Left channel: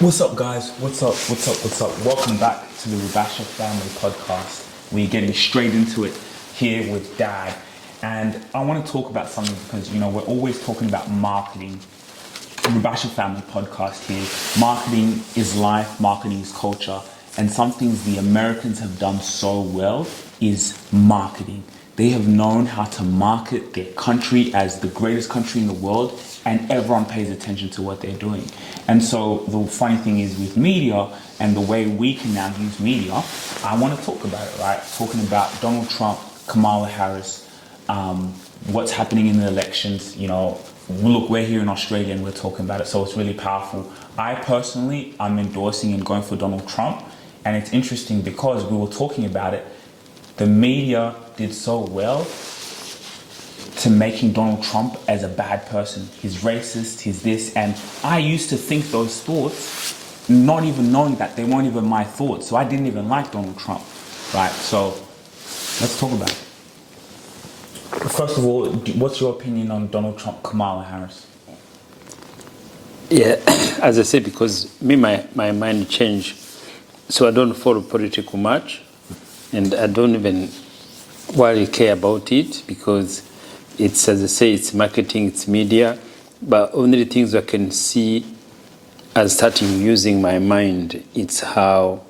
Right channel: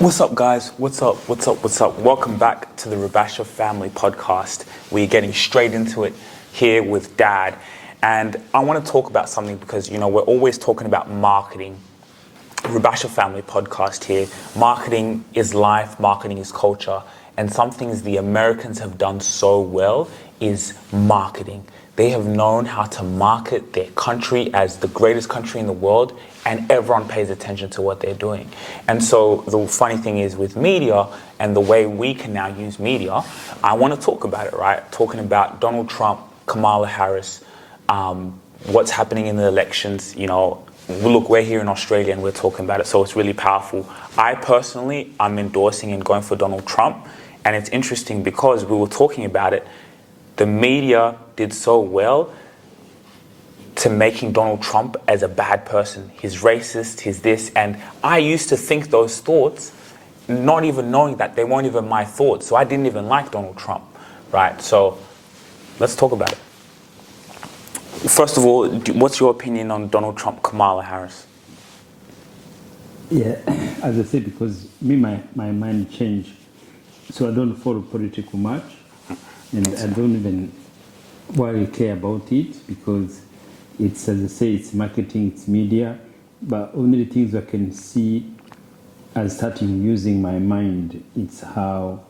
What's up, guys? What's up? Welcome back to the Rubasha Family Podcast. We're getting straight into it here with Dad. And I want to talk about something because, we're always talking about marketing. Rubasha Family Podcast here. Marketing is life, marketing is culture. And some things the Americans have done so well is marketing. They have known how to market their country as the greatest country in the world, and everyone pays attention to what they're doing. And so the funny thing is with media and the way we can now use media, I want to talk about it, right? Talking about Donald Trump, Kamala Harris, what's happening in the elections. Look, we're here in Australia and we're talking about it, so it's really powerful. I'm endorsing and going for Donald Trump, and it's interesting because we were talking about it. The media did so well to making Donald Trump as a bad person. He's racist, he's this. And I used to think those thoughts, not even knowing that they weren't even my thoughts. So I didn't even like Donald Trump, right? So let's talk about it. First of all, what's your opinion on Donald Trump, Kamala Harris? Yeah, as I said, because my mind changed. So I don't follow politics much. And I don't even really care about it because it's, as I say, it's marketing, it's media. But only the things I can see as starting using my mind, it's how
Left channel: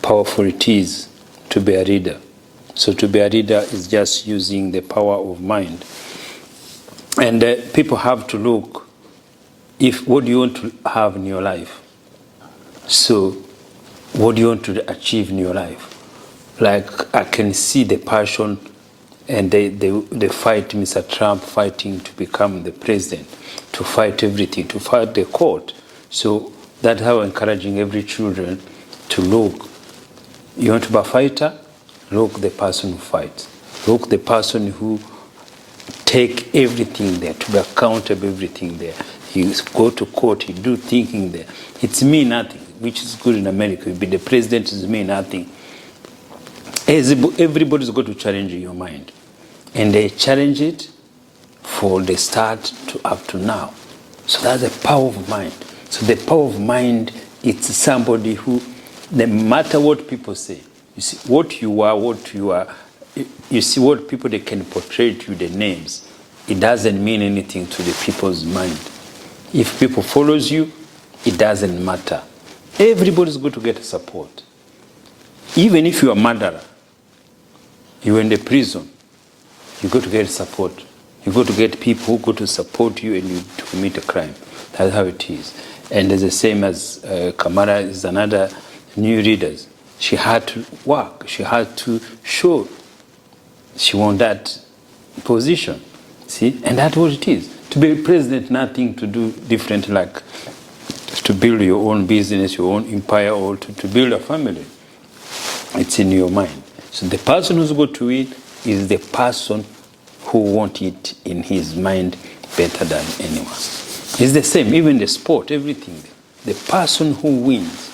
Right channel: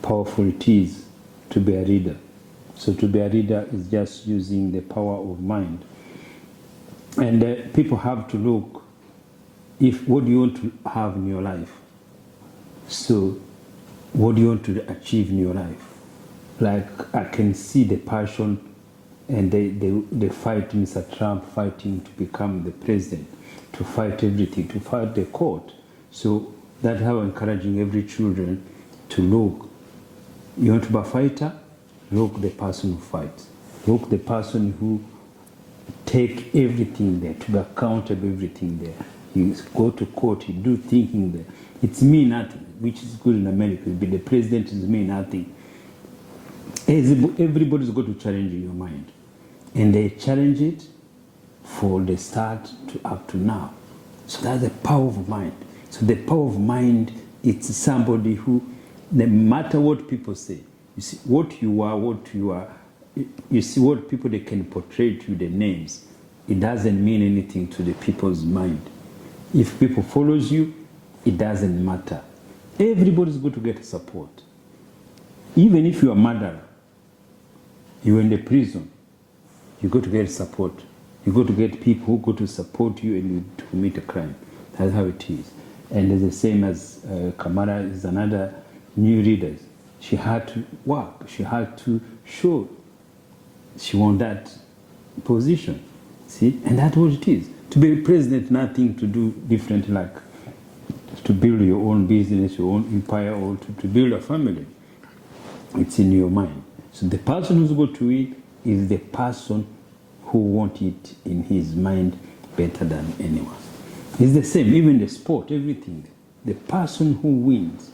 powerful it is to be a leader. So to be a leader is just using the power of mind. And people have to look, what do you want to have in your life? So what do you want to achieve in your life? Like, I can see the passion and they fight Mr. Trump fighting to become the president, to fight everything, to fight the court. So that's how I'm encouraging every children to look. You want to be a fighter? Look the person who fights. Look the person who take everything there, to be accountable everything there. He go to court, he do thinking there. It's me nothing, which is good in America. You be the president is me nothing. Everybody's got to challenge your mind. And they challenge it for the start to up to now. So that's the power of mind. So the power of mind, it's somebody who, no matter what people say, you see what you are, you see what people, they can portray to you, the names. It doesn't mean anything to the people's mind. If people follows you, it doesn't matter. Everybody's going to get support. Even if you're a murderer, you're in the prison, you go to get support. You go to get people who go to support you and you to commit a crime. That's how it is. And it's the same as Kamala is another new leader. She had to work. She had to show she won that position. See? And that's what it is. To be president, nothing to do different like to build your own business, your own empire, or to build a family. It's in your mind. So the person who's going to win is the person who wants it in his mind better than anyone. It's the same, even the sport, everything. The person who wins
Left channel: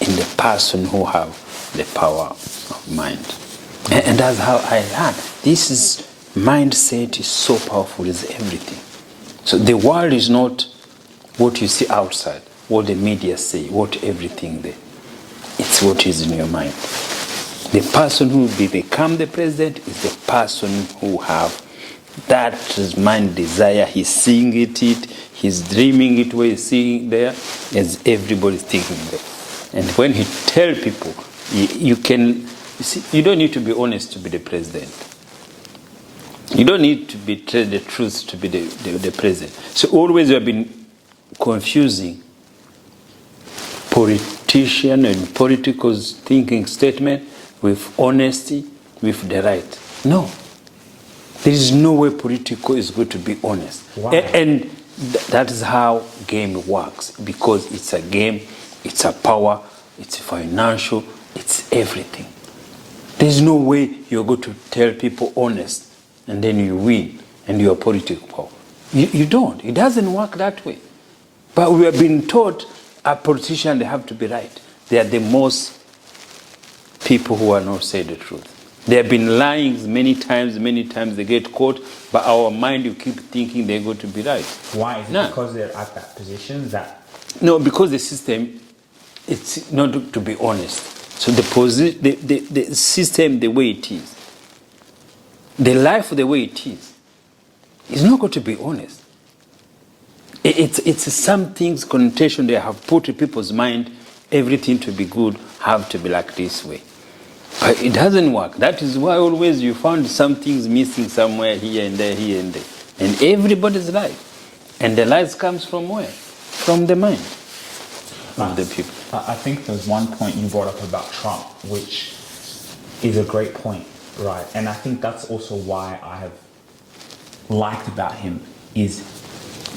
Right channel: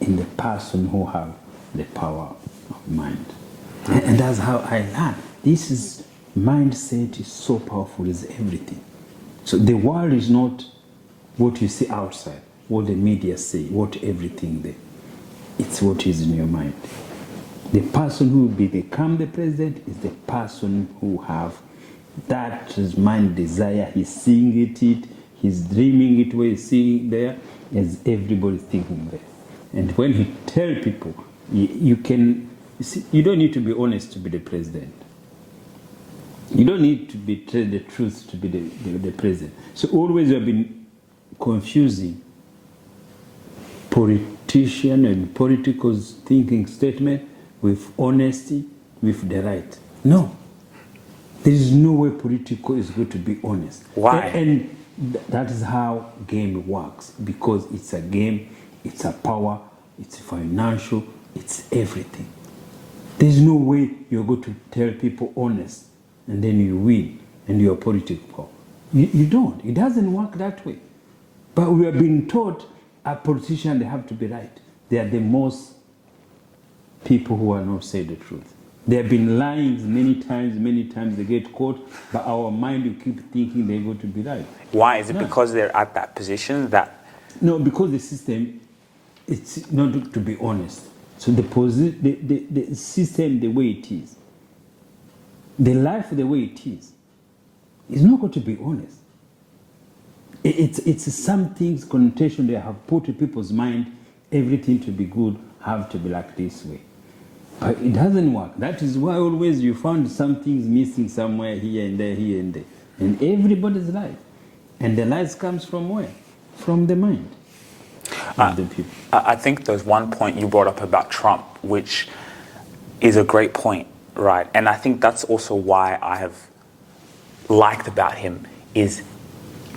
and the person who have the power of mind. And that's how I learned. This is mindset is so powerful, it's everything. So the world is not what you see outside, what the media say, what everything there. It's what is in your mind. The person who will become the president is the person who have that mind desire. He's seeing it, he's dreaming it where he's seeing it there, as everybody's thinking there. And when he tell people, you don't need to be honest to be the president. You don't need to betray the truth to be the president. So always you have been confusing politician and political thinking statement with honesty, with the right. No. There is no way political is going to be honest. Why? And that is how game works. Because it's a game, it's a power, it's financial, it's everything. There's no way you're going to tell people honest and then you win and you're political power. You don't. It doesn't work that way. But we have been taught a politician, they have to be right. They are the most people who are not saying the truth. They have been lying many times, they get caught, but our mind, you keep thinking they're going to be right. Why? Is it because they're at that position that No, because the system, it's not to be honest. So the system, the way it is, the life the way it is not going to be honest. It's some things, connotation they have put in people's mind, everything to be good have to be like this way. But it doesn't work. That is why always you found some things missing somewhere here and there, in everybody's life. And the lies comes from where? From the mind of the people. I think there's one point you brought up about Trump, which is a great point, right? And I think that's also why I have liked about him is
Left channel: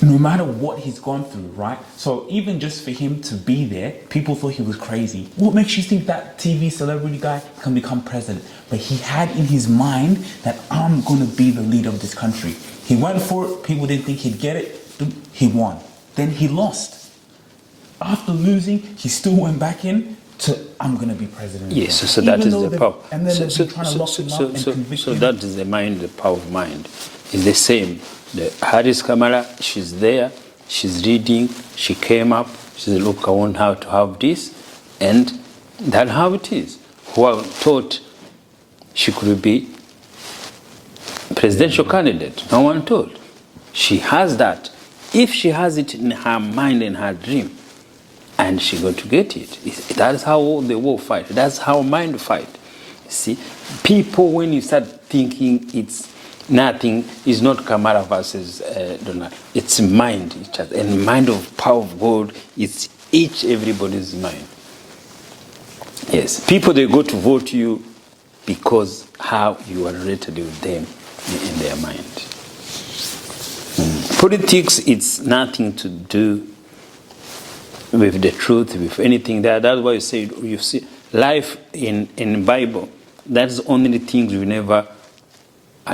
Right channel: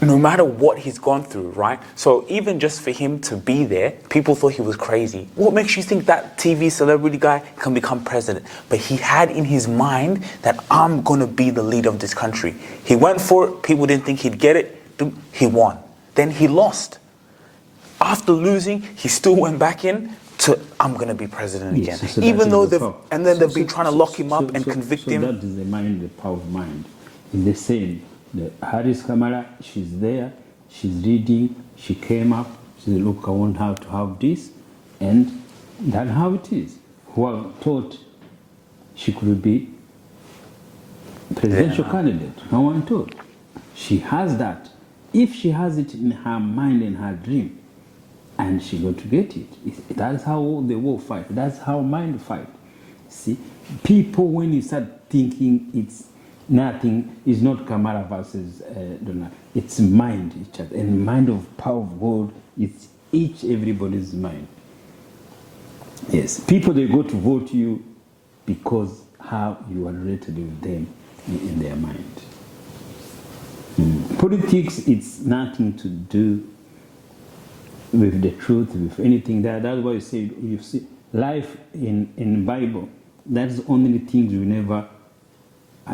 no matter what he's gone through, right? So even just for him to be there, people thought he was crazy. What makes you think that TV celebrity guy can become president? But he had in his mind that I'm going to be the leader of this country. He went for it. People didn't think he'd get it. He won. Then he lost. After losing, he still went back in to, I'm going to be president again. Yes, so that is the power. And then they've been trying to lock him up and convict him. So that is the mind, the power of mind. It's the same. The Harris Kamala, she's there, she's reading, she came up, she said, look, I want her to have this, and that's how it is. Who thought she could be presidential candidate? No one thought. She has that. If she has it in her mind, in her dream, and she's going to get it. That's how the war fight. That's how mind fight. See, people, when you start thinking it's nothing, is not Kamala versus Donal. It's mind, each other. And mind of power of God, it's everybody's mind. Yes, people, they go to vote you because how you are related with them in their mind. Politics, it's nothing to do with the truth, with anything there. That's why you see life in Bible. That's only the things we never.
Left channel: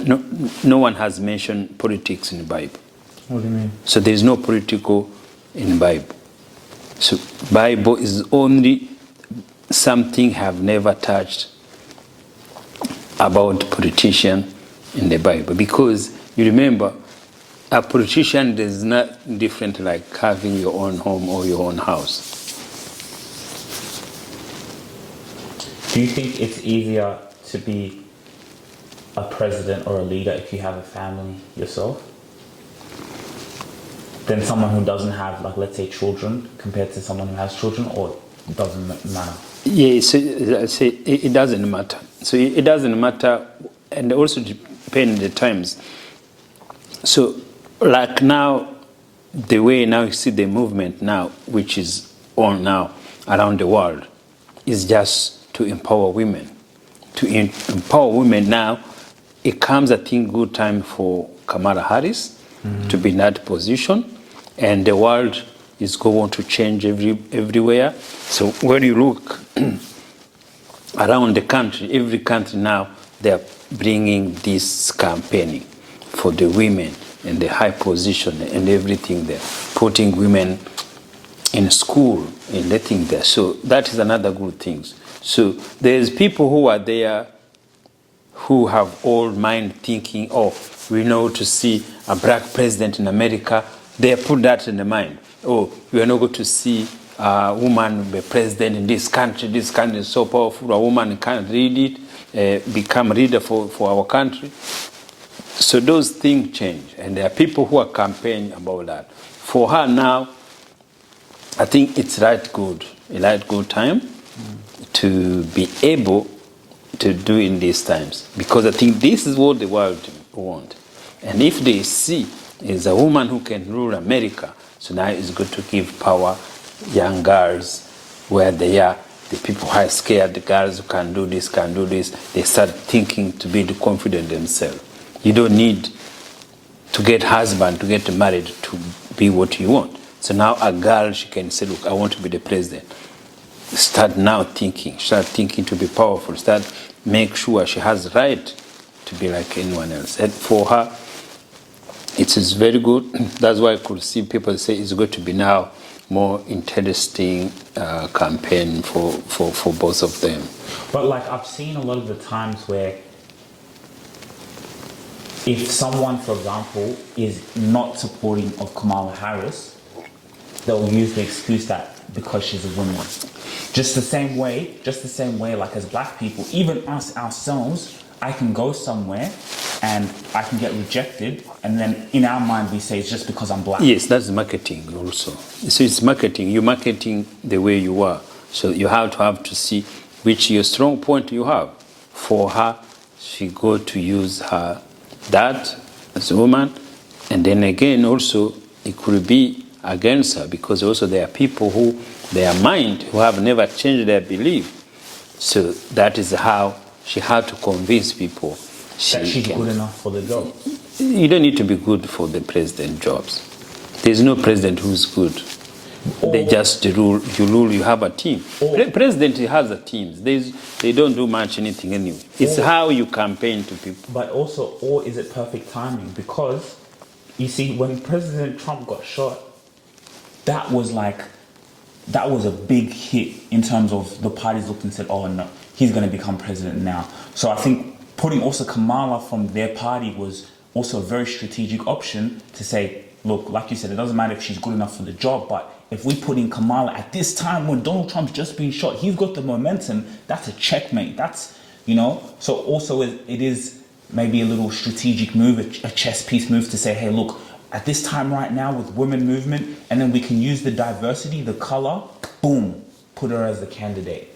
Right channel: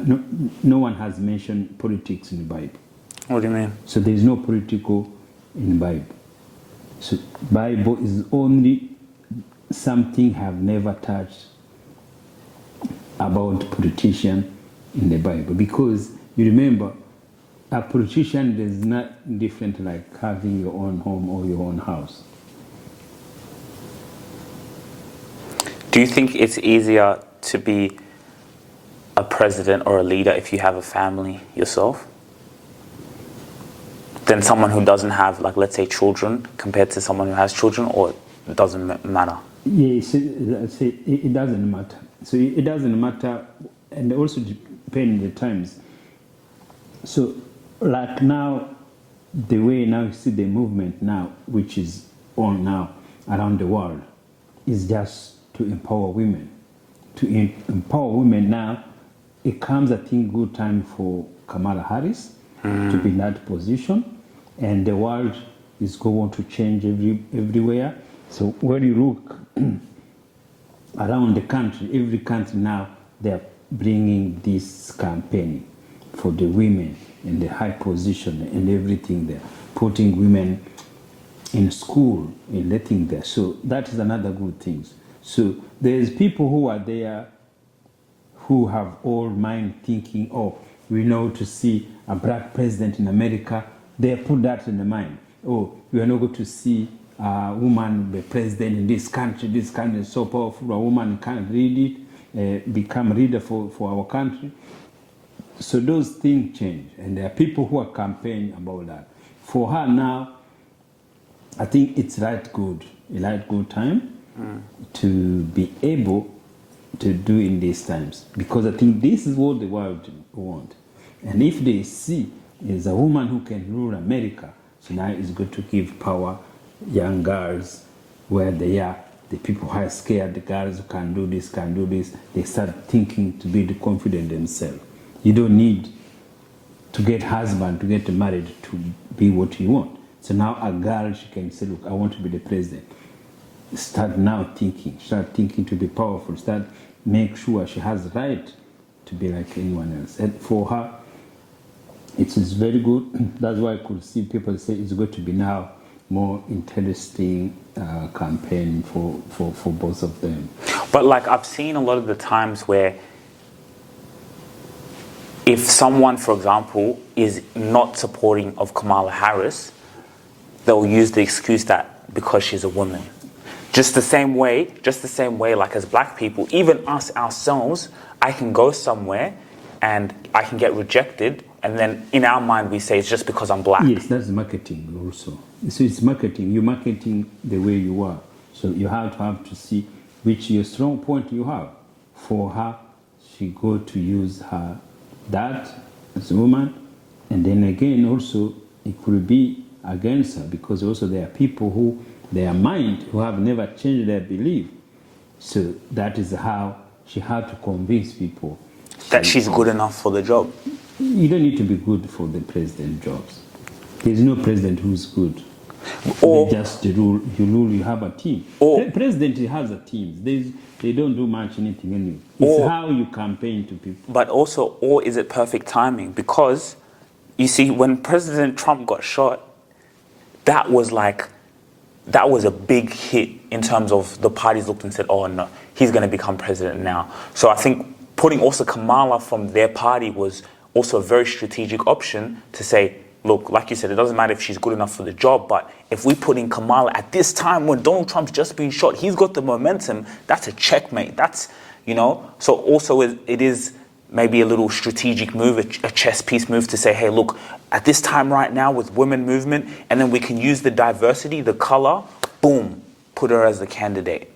No one has mentioned politics in the Bible. What do you mean? So there is no political in the Bible. So Bible is only something have never touched about politician in the Bible, because you remember a politician is not different like having your own home or your own house. Do you think it's easier to be a president or a leader if you have a family yourself than someone who doesn't have, like, let's say, children compared to someone who has children, or it doesn't matter? Yeah, so I say it doesn't matter. So it doesn't matter, and also depend the times. So like now, the way now you see the movement now, which is on now around the world, is just to empower women. To empower women now, it comes, I think, good time for Kamala Harris to be in that position, and the world is going to change everywhere. So when you look around the country, every country now, they're bringing this campaigning for the women in the high position and everything there, putting women in school and letting there. So that is another good thing. So there's people who are there who have old mind thinking, oh, we know to see a black president in America. They put that in the mind. Oh, we are not going to see a woman be president in this country. This country is so powerful. A woman can't read it, become leader for our country. So those things change. And there are people who are campaigning about that. For her now, I think it's a right good time to be able to do in these times, because I think this is what the world wants. And if they see is a woman who can rule America, so now it's good to give power young girls where they are. The people who are scared, the girls who can do this, they start thinking to be confident themselves. You don't need to get husband, to get married, to be what you want. So now a girl, she can say, look, I want to be the president. Start thinking to be powerful, make sure she has the right to be like anyone else. And for her, it is very good. That's why I could see people say it's going to be now more interesting campaign for both of them. But like I've seen a lot of the times where if someone, for example, is not supporting of Kamala Harris, they'll use the excuse that because she's a woman. Just the same way, like as black people, even us ourselves, I can go somewhere and I can get rejected, and then in our mind we say it's just because I'm black. Yes, that's marketing also. So it's marketing. You're marketing the way you are. So you have to see which your strong point you have. For her, she go to use her dad as a woman, and then again also it could be against her, because also there are people who their mind who have never changed their belief. So that is how she had to convince people That she's good enough for the job. You don't need to be good for the president jobs. There's no president who's good. They just rule. You rule. You have a team. President has a team. They don't do much anything anyway. It's how you campaign to people. But also, or is it perfect timing? Because you see, when President Trump got shot, that was a big hit in terms of the parties looked and said, "Oh no, he's going to become president now." So I think putting also Kamala from their party was also a very strategic option to say, look, like you said, it doesn't matter if she's good enough for the job, but if we put in Kamala at this time when Donald Trump's just been shot, he's got the momentum, that's a checkmate. That's, so also it is maybe a little strategic move, a chess piece move to say, hey, look, at this time right now with women movement, and then we can use the diversity, the color, boom, put her as the candidate.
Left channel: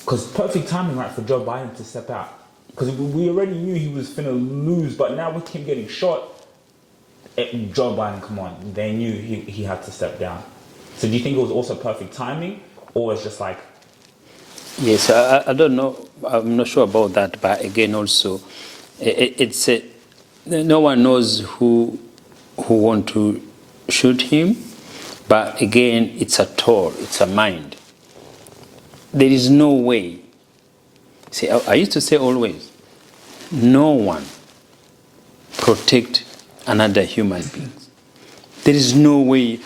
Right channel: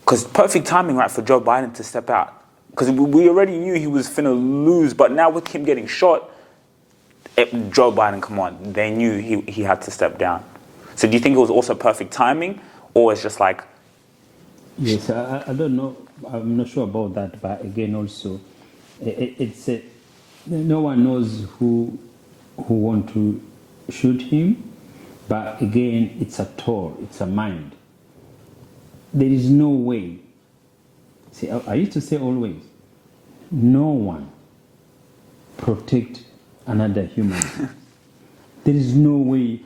Because perfect timing, right, for Joe Biden to step out. Because we already knew he was finna lose, but now with him getting shot, Joe Biden, come on, they knew he had to step down. So do you think it was also perfect timing, or it's just like... Yes, I don't know. I'm not sure about that, but again, also, no one knows who want to shoot him, but again, it's a toll, it's a mind. There is no way. See, I used to say always, no one protect another human being. There is no way,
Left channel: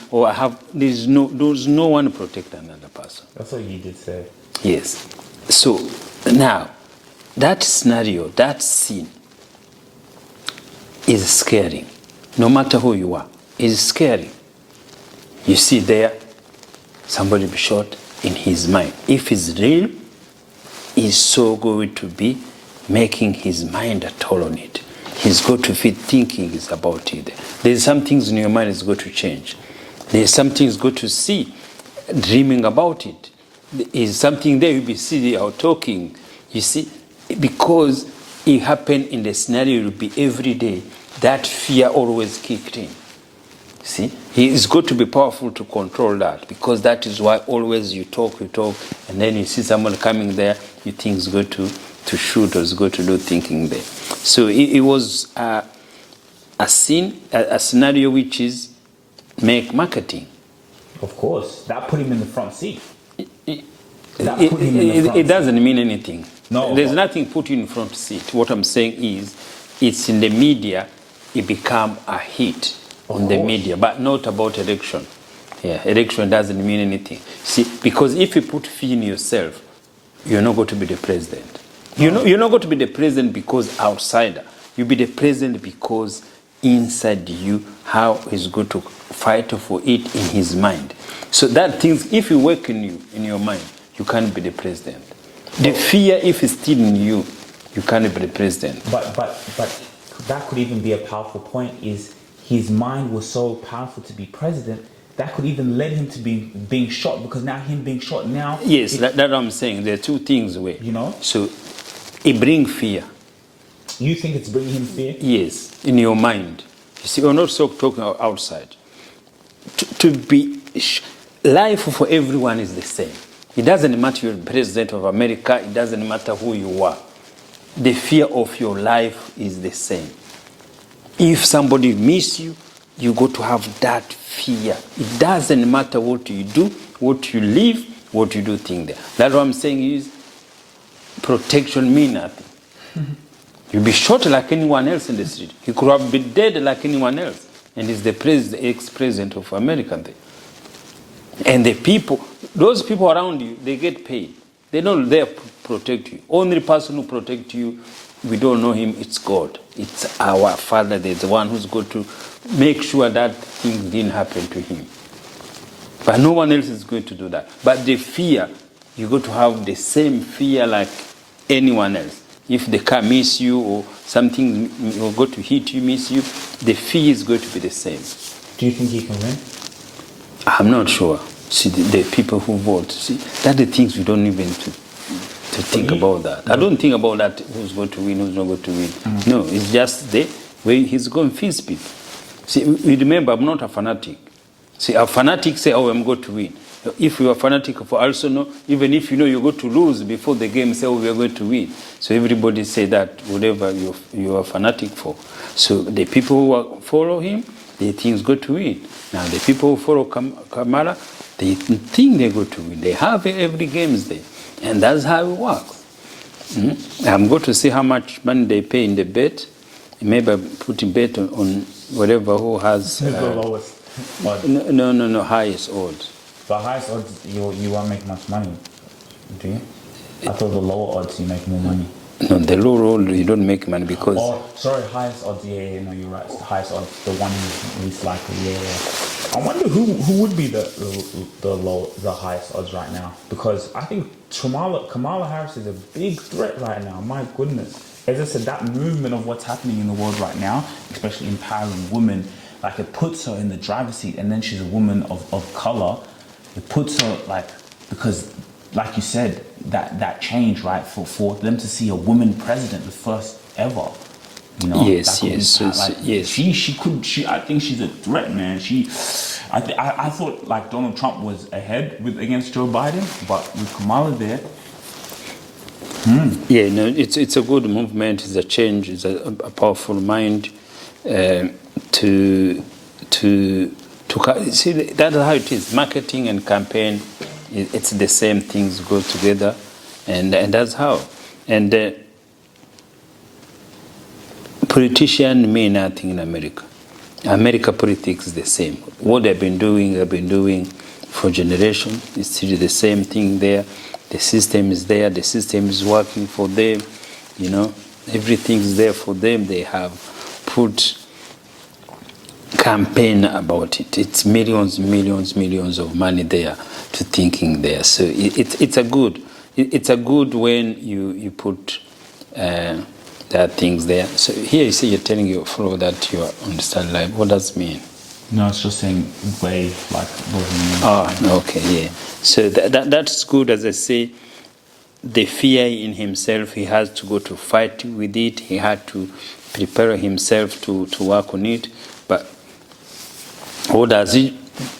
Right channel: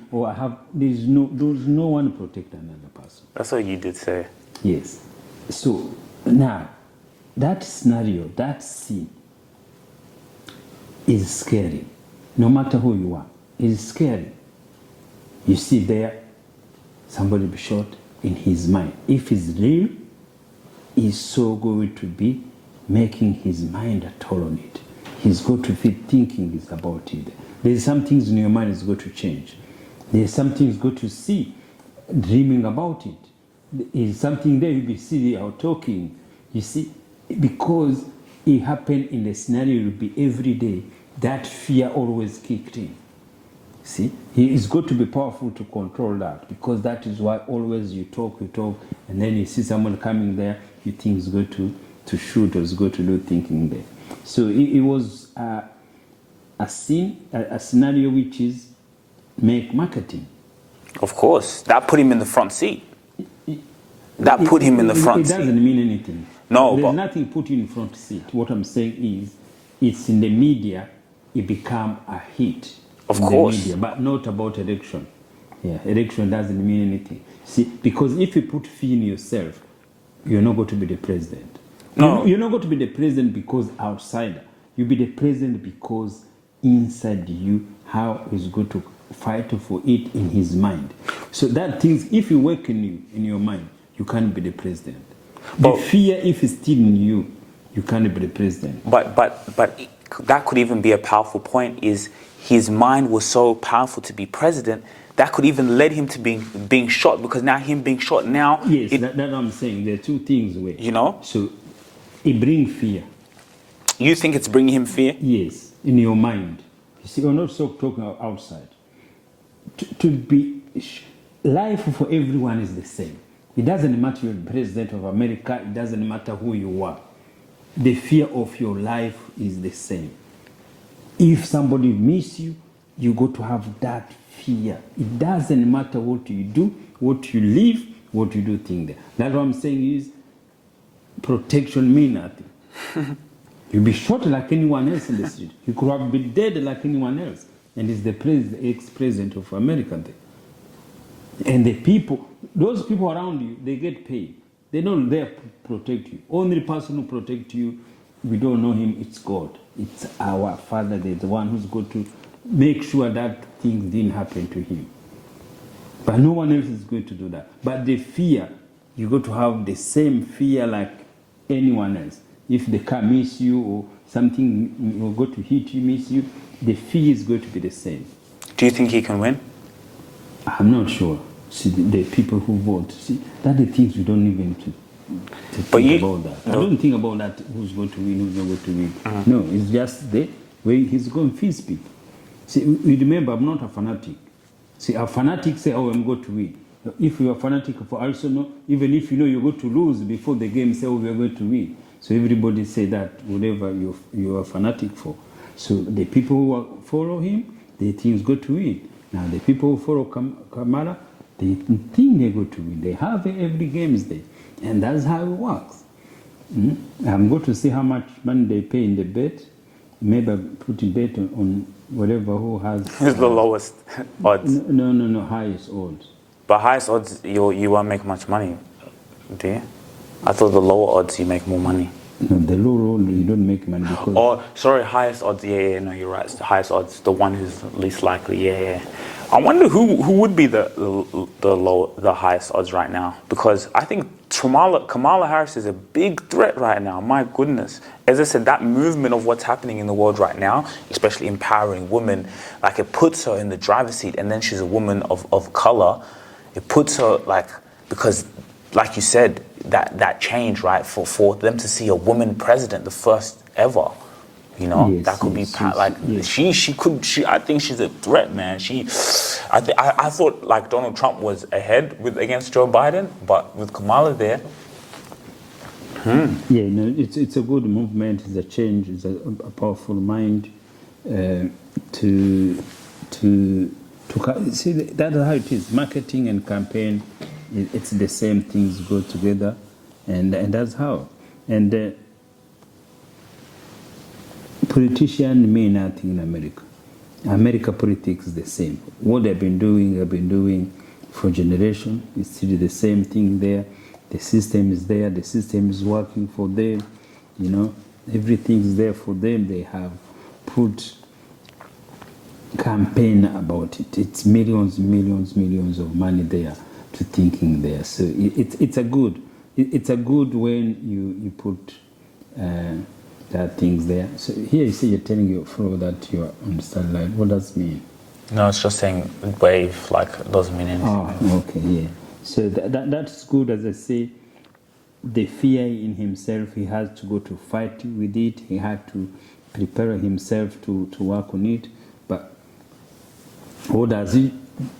there's no one protect another person. That's what you did say. Yes. So now, that scenario, that scene is scary. No matter who you are, it's scary. You see there, somebody be shot in his mind. If it's real, he's so going to be making his mind a toll on it. He's going to be thinking about it. There's some things in your mind is going to change. There's some things going to see, dreaming about it. There's something there you'll be sitting or talking. You see, because it happened in the scenario, it will be every day. That fear always kicked in. See, it's got to be powerful to control that, because that is why always you talk, and then you see someone coming there, you think it's going to shoot or it's going to do thinking there. So it was a scene, a scenario which is make marketing. Of course, that put him in the front seat. It doesn't mean anything. No, there's nothing put you in front seat. What I'm saying is, it's in the media, it become a hit. Of in course. The media, but not about election. Yeah, election doesn't mean anything. See, because if you put fear in yourself, you're not going to be the president. No. You're not going to be the president because outsider. You'll be the president because inside you, how he's going to fight for it in his mind. So that things, if you work in your mind, you can't be the president. The fear, if it's still in you, you can't be the president. But that could even be a powerful point, is his mind was so powerful to be president, that could even lead him to being shot, because now him being shot now... Yes, that's what I'm saying. There are two things where... So it brings fear. You think it's bringing him fear? Yes, in your mind. You see, we're not talking outside. Life for everyone is the same. It doesn't matter you're the president of America, it doesn't matter who you are. The fear of your life is the same. If somebody miss you, you got to have that fear. It doesn't matter what you do, what you live, what you do think there. That's what I'm saying is, protection means nothing. You'll be shot like anyone else in the street. He could have been dead like anyone else. And he's the ex-president of America there. And the people, those people around you, they get paid. They're not there to protect you. Only person who protects you, we don't know him, it's God. It's our Father, there's the one who's going to make sure that thing didn't happen to him. But no one else is going to do that. But the fear, you got to have the same fear like anyone else. If the car miss you or something will go to hit you, miss you, the fear is going to be the same. Do you think he can win? I'm not sure. See, the people who vote, see, that's the things we don't even to think about that. I don't think about that, who's going to win, who's not going to win. No, it's just the way he's going to face people. See, you remember, I'm not a fanatic. See, a fanatic say, oh, I'm going to win. If you are fanatic for Arsenal, even if you know you're going to lose before the game, say, oh, we are going to win. So everybody say that, whatever you are fanatic for. So the people who follow him, they think he's going to win. Now, the people who follow Kamala, they think they're going to win. They have every games there. And that's how it works. I'm going to see how much money they pay in the bet. Maybe put a bet on whatever who has... the lowest odds. No, highest odds. But highest odds, you won't make much money, do you? I thought the lower odds, you make more money. No, the lower odds, you don't make money because... Oh, sorry, highest odds, yeah, no, you're right. Highest odds, the one who's least likely, yeah. I wonder who would be the highest odds right now, because I think Kamala Harris is a big threat right now. My goodness, as I said, that movement of what's happening in the world right now, especially empowering women, like it puts her in the driver's seat, and then she's a woman of color. It puts her because, like you said, that change, right, for them to see a woman president, the first ever. You know, yes. I think she's a threat, man. I thought like Donald Trump was ahead against Joe Biden, but with Kamala there. Yeah, no, it's a good movement. It's a change. It's a powerful mind to see. That's how it is. Marketing and campaign, it's the same things go together, and that's how. And politicians mean nothing in America. America politics is the same. What they've been doing for generations. It's still the same thing there. The system is there. The system is working for them. You know, everything's there for them. They have put campaign about it. It's millions of money there to thinking there. So it's a good when you put that things there. So here you say you're telling your follower that you understand life. What does it mean? No, it's just saying way like doesn't mean. Oh, okay, yeah. So that's good. As I say, the fear in himself, he has to go to fight with it. He had to prepare himself to work on it. But what does he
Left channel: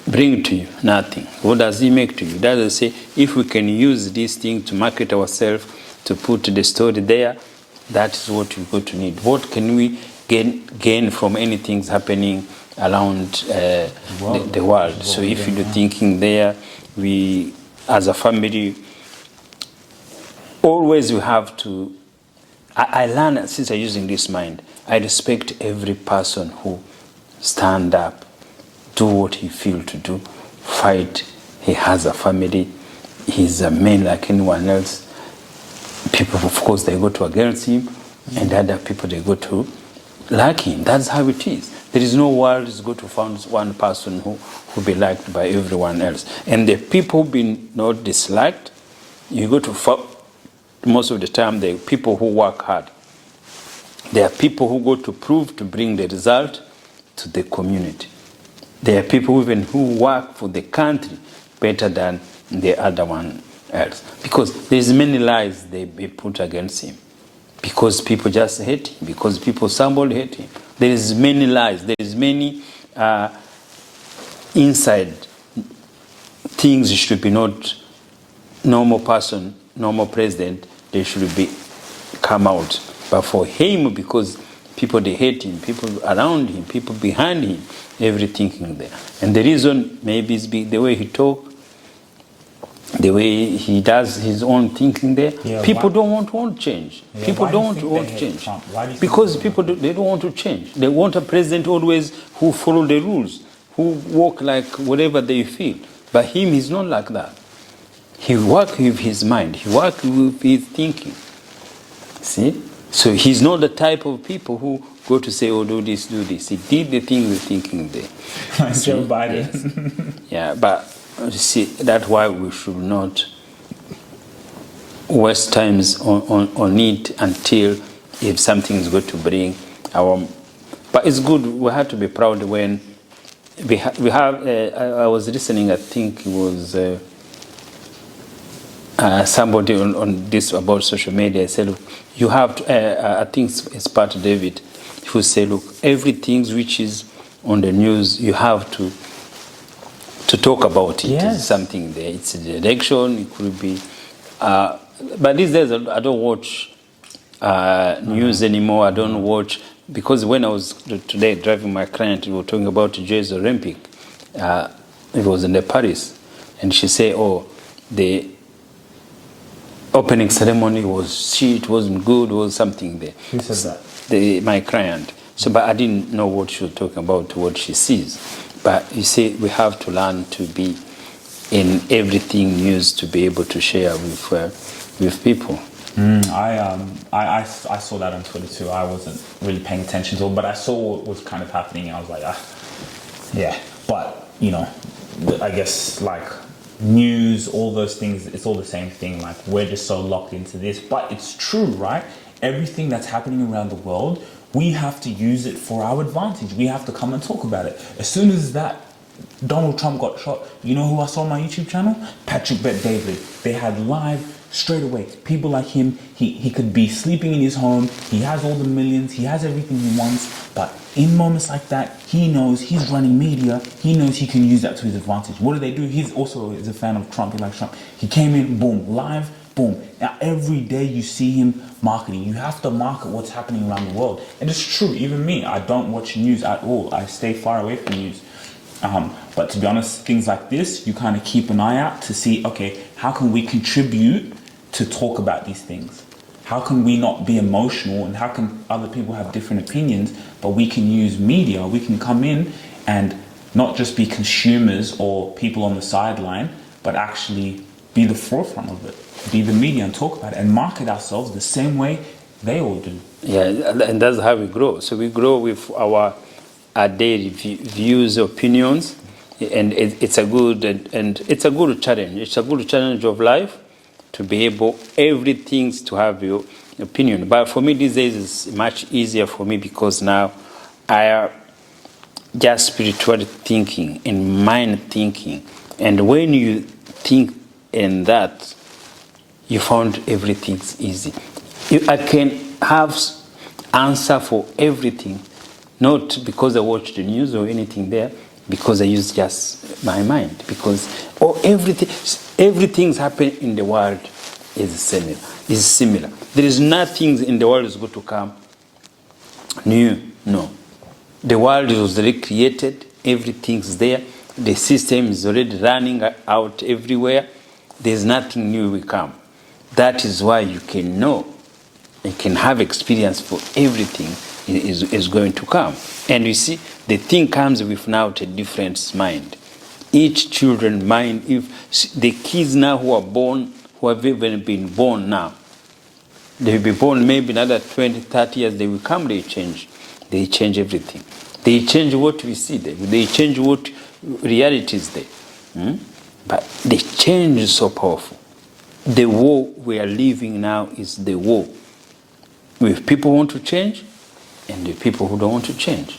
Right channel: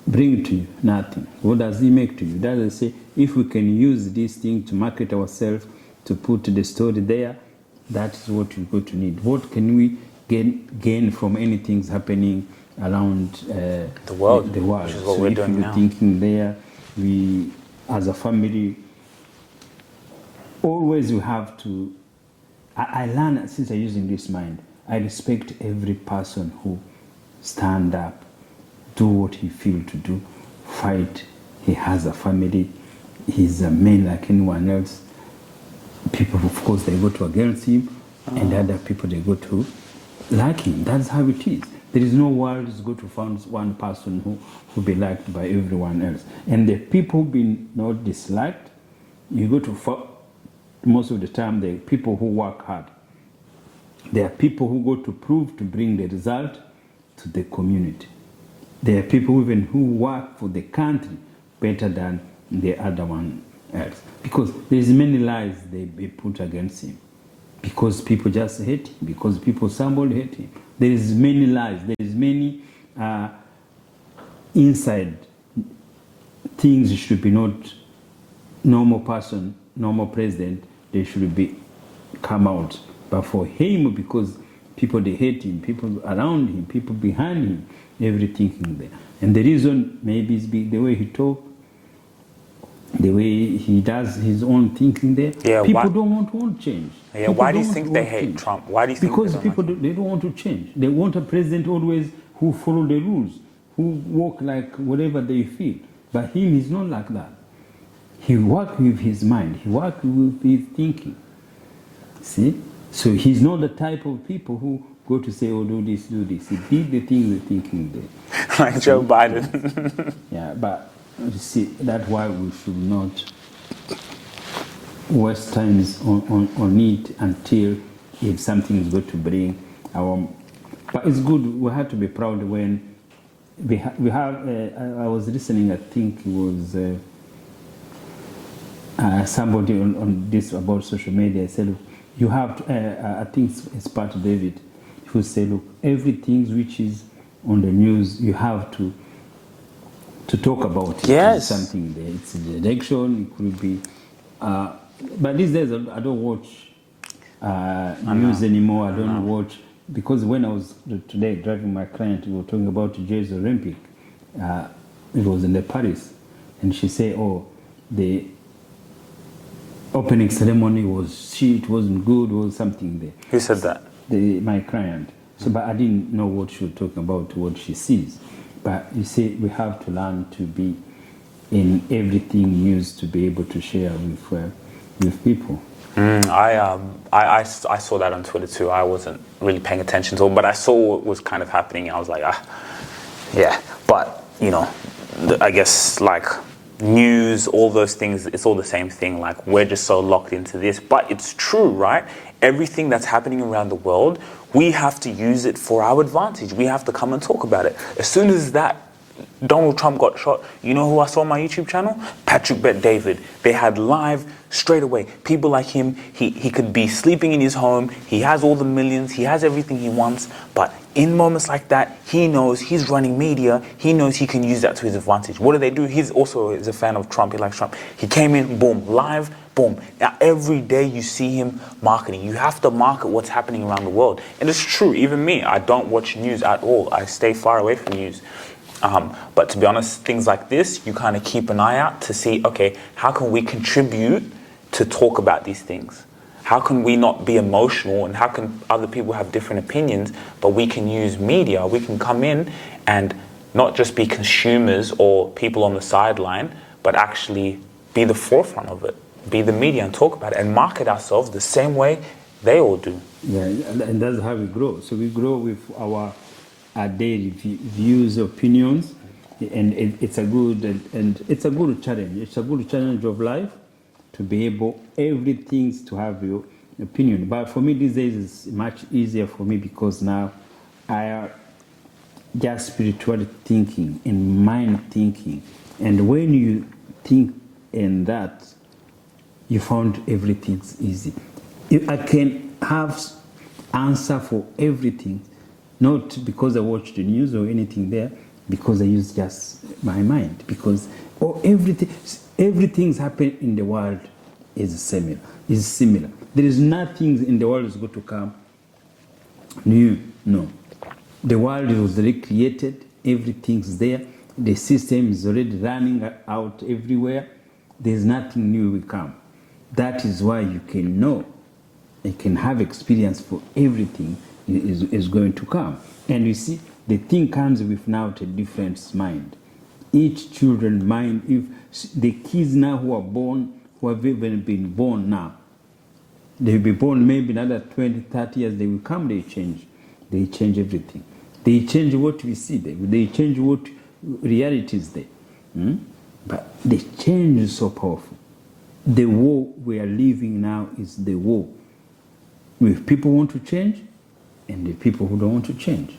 bring to you? Nothing. What does he make to you? That is say, if we can use this thing to market ourselves, to put the story there, that is what we're going to need. What can we gain from anything happening around the world? So if you're thinking there, we, as a family, always we have to... I learn, since I'm using this mind, I respect every person who stand up, do what he feel to do, fight. He has a family. He's a man like anyone else. People, of course, they go to against him, and other people, they go to like him. That's how it is. There is no world is going to find one person who be liked by everyone else. And the people who been not disliked, you go to most of the time, the people who work hard. There are people who go to prove to bring the result to the community. There are people even who work for the country better than the other one else. Because there's many lies they put against him. Because people just hate him. Because people somebody hate him. There is many lies. There is many inside things should be not normal person, normal president. They should be come out. But for him, because people they hate him, people around him, people behind him, everything in there. And the reason maybe is the way he talk, the way he does his own thinking there. Yeah, people don't want change. Yeah, people why do you don't think want they hate change. Trump? Why do you because think people they don't want to change. They want a president always who follow the rules, who walk like whatever they feel. But him, he's not like that. He work with his mind. He work with his thinking. See? So he's not the type of people who go to say, oh, do this, do this. He did the thing with thinking there. Like See? Joe Biden. Yes. Yeah, but You see, that's why we should not waste times on it until if something is going to bring our. But it's good. We have to be proud when we have. I was listening. I think it was somebody on this about social media. I said, look, you have to. I think it's part of David, who said, look, everything which is on the news, you have to talk about it. Yes. It's something there. It's the election. It could be. But these days, I don't watch news anymore. I don't watch, because when I was today driving my client, we were talking about today's Olympic. It was in Paris, and she said, "Oh, the opening ceremony was shit. Wasn't good. Was something there." Who said that? My client. So, but I didn't know what she was talking about, what she sees. But you see, we have to learn to be in everything news to be able to share with people. I saw that on Twitter too. I wasn't really paying attention to it, but I saw what was kind of happening. And I was like, yeah. But I guess like news, all those things, it's all the same thing. Like we're just so locked into this, but it's true, right? Everything that's happening around the world, we have to use it for our advantage. We have to come and talk about it. As soon as that Donald Trump got shot, you know who I saw on my YouTube channel? Patrick Bet David. They had live straight away. People like him, he could be sleeping in his home, he has all the millions, he has everything he wants, but in moments like that, he knows he's running media, he knows he can use that to his advantage. What do they do? He's also is a fan of Trump, he likes Trump. He came in, boom, live, boom. Now every day you see him marketing. You have to market what's happening around the world. And it's true, even me, I don't watch news at all. I stay far away from news. But to be honest, things like this, you kind of keep an eye out to see, okay, how can we contribute to talk about these things? How can we not be emotional, and how can other people have different opinions, but we can use media, we can come in and not just be consumers or people on the sideline, but actually be the forefront of it, be the media and talk about it and market ourselves the same way they all do. Yeah, and that's how we grow. So we grow with our daily views, opinions, and it's a good challenge. It's a good challenge of life to be able everything to have your opinion. But for me these days it's much easier for me because now I am just spiritual thinking and mind thinking. And when you think in that, you found everything's easy. I can have answer for everything, not because I watch the news or anything there, because I use just my mind. Because everything's happening in the world is similar. There is nothing in the world is going to come new. No. The world was already created. Everything's there. The system is already running out everywhere. There's nothing new will come. That is why you can know. You can have experience for everything is going to come. And you see, the thing comes with now a different mind. Each children's mind, if the kids now who are born, who have even been born now, they will be born maybe another 20, 30 years, they will come, they change. They change everything. They change what we see there. They change what reality is there. But the change is so powerful. The war we are living now is the war. With people who want to change and the people who don't want to change.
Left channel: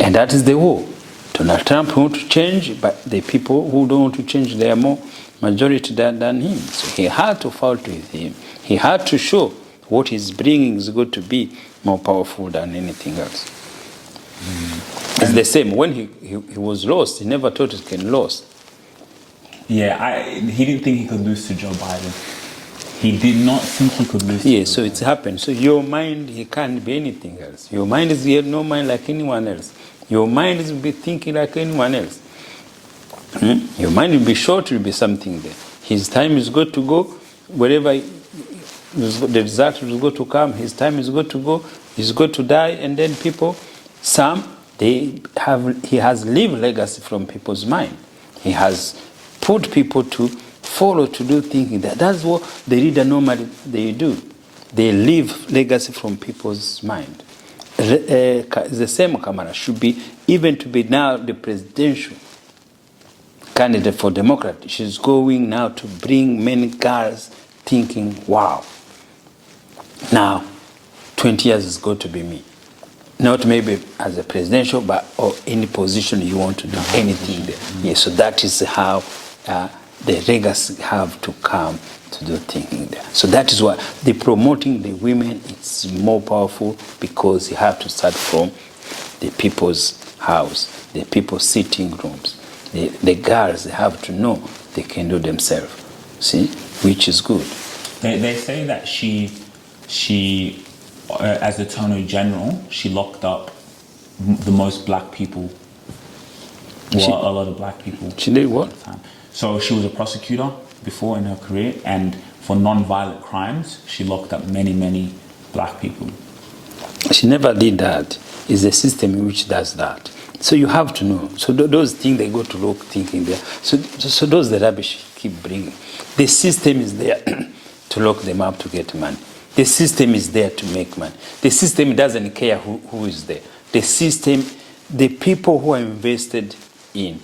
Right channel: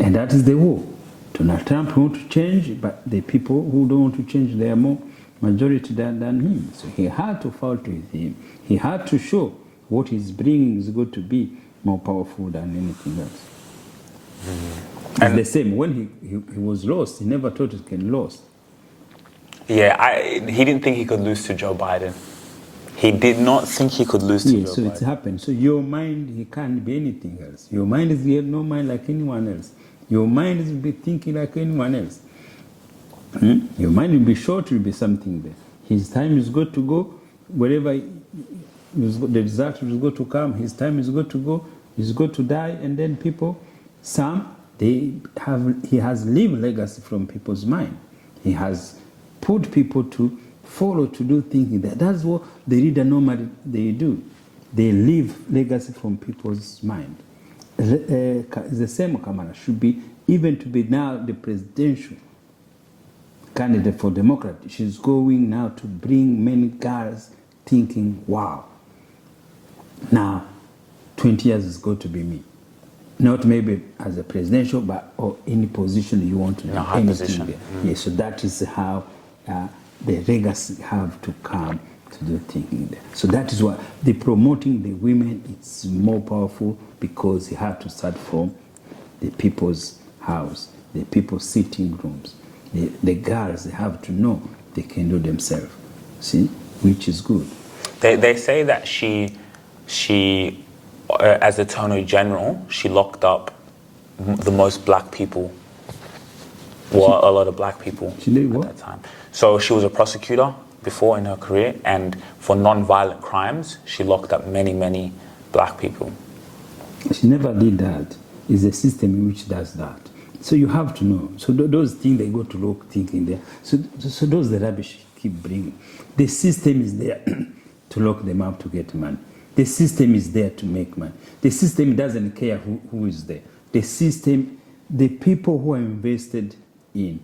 And that is the war. Donald Trump wants to change, but the people who don't want to change, they are more majority than him. So he had to fight with him. He had to show what he's bringing is going to be more powerful than anything else. It's the same. When he was lost, he never thought he can lose. Yeah, he didn't think he could lose to Joe Biden. He did not think he could lose to Joe Biden. So it's happened. So your mind, he can't be anything else. Your mind is no mind like anyone else. Your mind is be thinking like anyone else. Your mind will be short, will be something there. His time is going to go, wherever the result is going to come, his time is going to go, he's going to die, and then people, he has lived legacy from people's mind. He has put people to follow, to do thinking. That's what the reader normally they do. They leave legacy from people's mind. The same Kamala should be, even to be now the presidential candidate for Democrat. She's going now to bring many girls thinking, wow, now 20 years is going to be me. Not maybe as a presidential, but or any position you want to do, anything there. Yeah, so that is how the legacy have to come to do thinking there. So that is why the promoting the women is more powerful, because you have to start from the people's house, the people's sitting rooms. The girls, they have to know they can do themselves. See, which is good. They say that she as Attorney General, she locked up the most black people. Well, a lot of black people. She did what? At the time. So she was a prosecutor before in her career, and for non-violent crimes, she locked up many, many black people. She never did that. It's the system which does that. So you have to know. So those things they go to look thinking there. So those the rubbish keep bringing. The system is there to lock them up to get money. The system is there to make money. The system doesn't care who is there. The system, the people who are invested in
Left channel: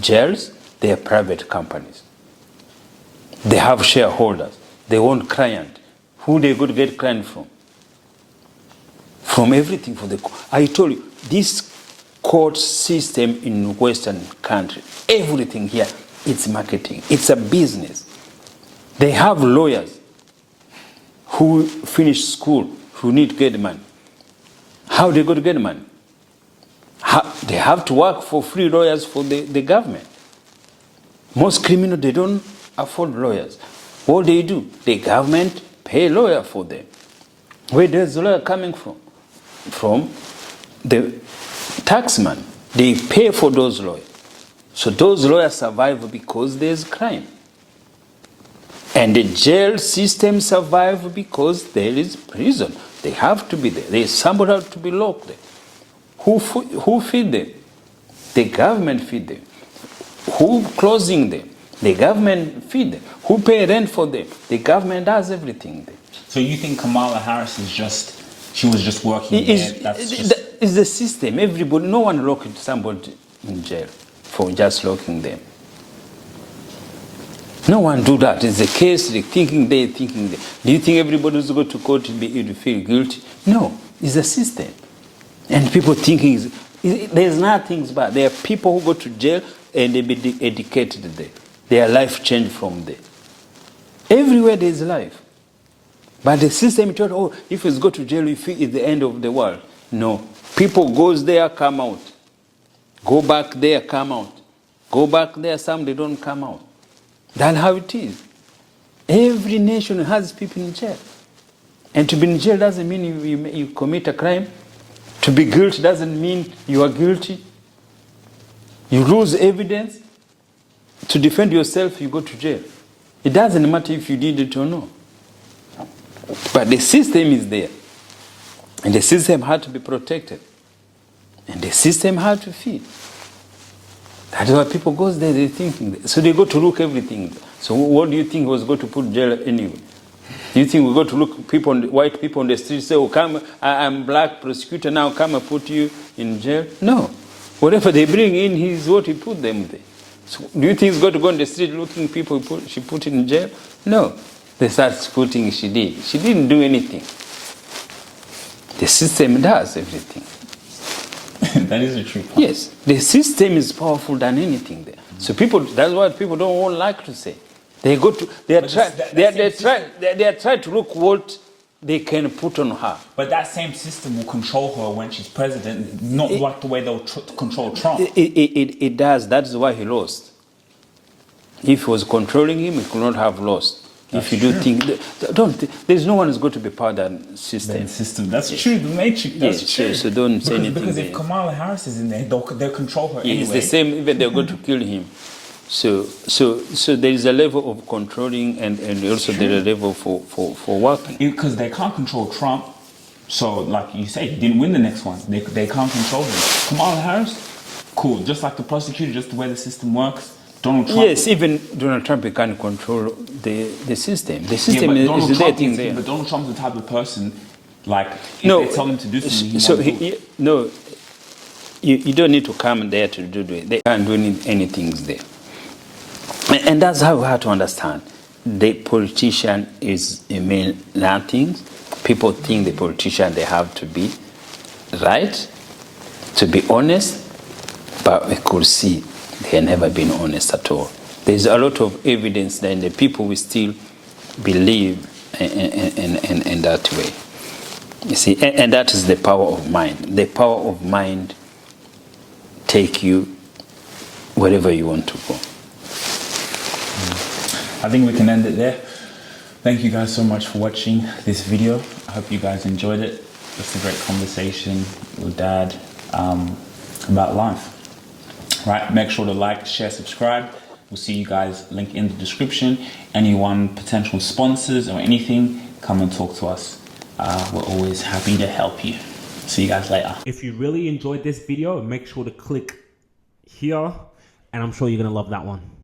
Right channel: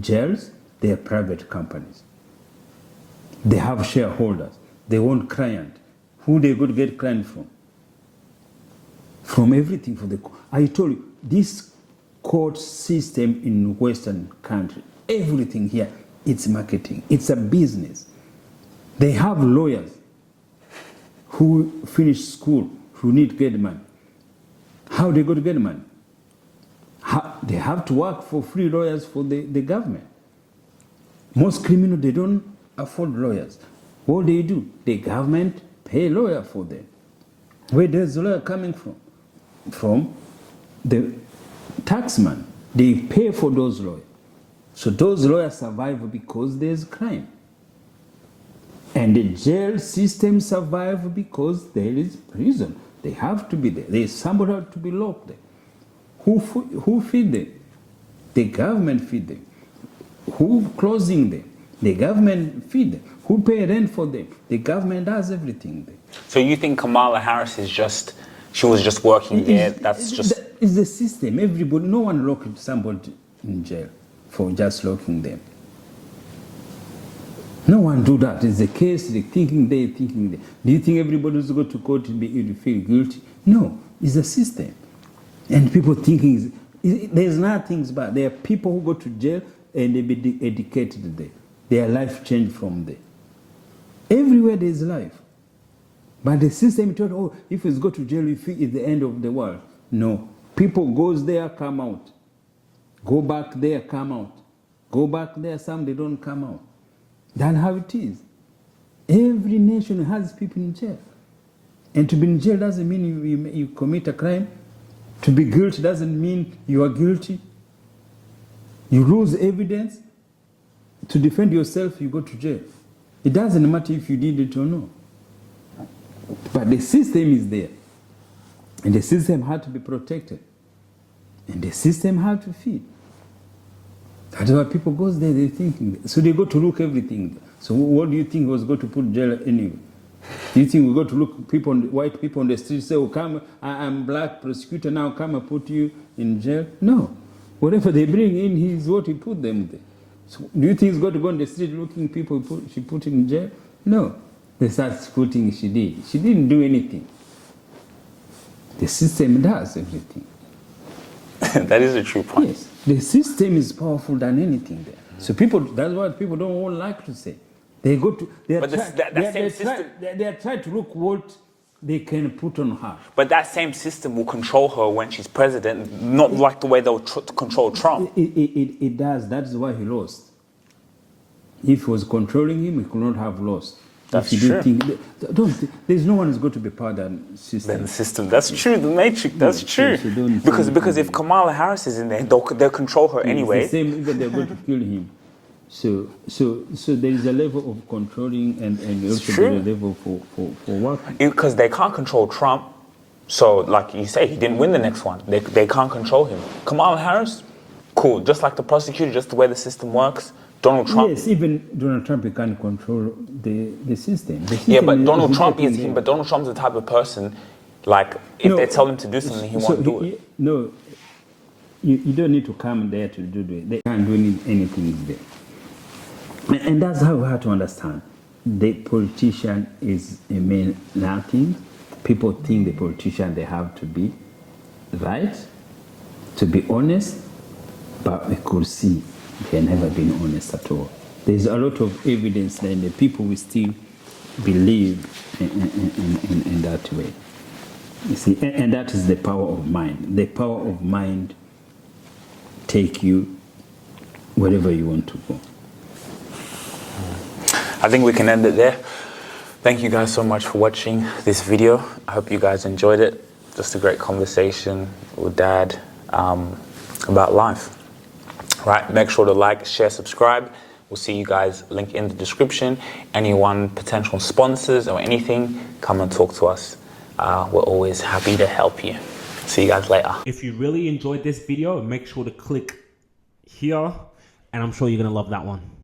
jails, they are private companies. They have shareholders. They want client. Who they go to get client from? From everything for the. I told you, this court system in Western country, everything here, it's marketing. It's a business. They have lawyers who finish school, who need to get money. How they go to get money? They have to work for free lawyers for the government. Most criminals, they don't afford lawyers. What they do, the government pay lawyer for them. Where does the lawyer coming from? From the taxman. They pay for those lawyers. So those lawyers survive because there's crime. And the jail system survive because there is prison. They have to be there. There's somebody have to be locked there. Who feed them? The government feed them. Who closing them? The government feed them. Who pay rent for them? The government does everything there. So you think Kamala Harris she was just working there? It's the system. Everybody, no one locking somebody in jail for just locking them. No one do that. It's the case, they thinking there, thinking there. Do you think everybody who's going to court to feel guilty? No, it's a system. And people thinking, there's nothing bad. There are people who go to jail and they be educated there. Their life changed from there. Everywhere there's life. But the system told, oh, if you go to jail, you feel it's the end of the world. No. People goes there, come out. Go back there, come out. Go back there, some they don't come out. That's how it is. Every nation has people in jail. And to be in jail doesn't mean you commit a crime. To be guilty doesn't mean you are guilty. You lose evidence. To defend yourself, you go to jail. It doesn't matter if you did it or not. But the system is there. And the system had to be protected. And the system had to feed. That's why people go there, they're thinking. So they go to look everything. So what do you think was going to put jail anyway? Do you think we go to look white people on the street, say, oh, come, I'm black prosecutor, now come and put you in jail? No. Whatever they bring in, is what he put them there. So do you think he's going to go on the street looking people she put in jail? No. They start putting she did. She didn't do anything. The system does everything. That is a true point. Yes, the system is powerful than anything there. So people, that's what people don't like to say. They go to, they are trying to look what they can put on her. But that same system will control her when she's president, not like the way they'll control Trump. It does. That's why he lost. If he was controlling him, he could not have lost. That's if you do think, there's no one who's going to be part of that system. The system, that's true. The matrix, that's true. So don't because if Kamala Harris is in there, they'll control her anyway. It's the same. Even they're going to kill him. So there is a level of controlling and also there is a level for working. Because they can't control Trump. So like you say, he didn't win the next one. They can't control him. Kamala Harris, cool. Just like the prosecutor, just the way the system works. Donald Trump. Yes, even Donald Trump can't control the system. The system but is there. But Donald Trump's the type of person, like, if they tell him to do something, he won't do it. No, you don't need to come there to do it. They can't do anything there. And that's how we have to understand. The politician is a mean nothing. People think the politician, they have to be right, to be honest, but we could see they have never been honest at all. There's a lot of evidence that the people will still believe in that way. You see, and that is the power of mind. The power of mind take you wherever you want to go. I think we can end it there. Thank you guys so much for watching this video. I hope you guys enjoyed it. Just a great conversation with Dad about life. Right, make sure to like, share, subscribe. We'll see you guys, link in the description. Anyone, potential sponsors or anything, come and talk to us. We're always happy to help you. See you guys later. If you really enjoyed this video, make sure to click here, and I'm sure you're gonna love that one.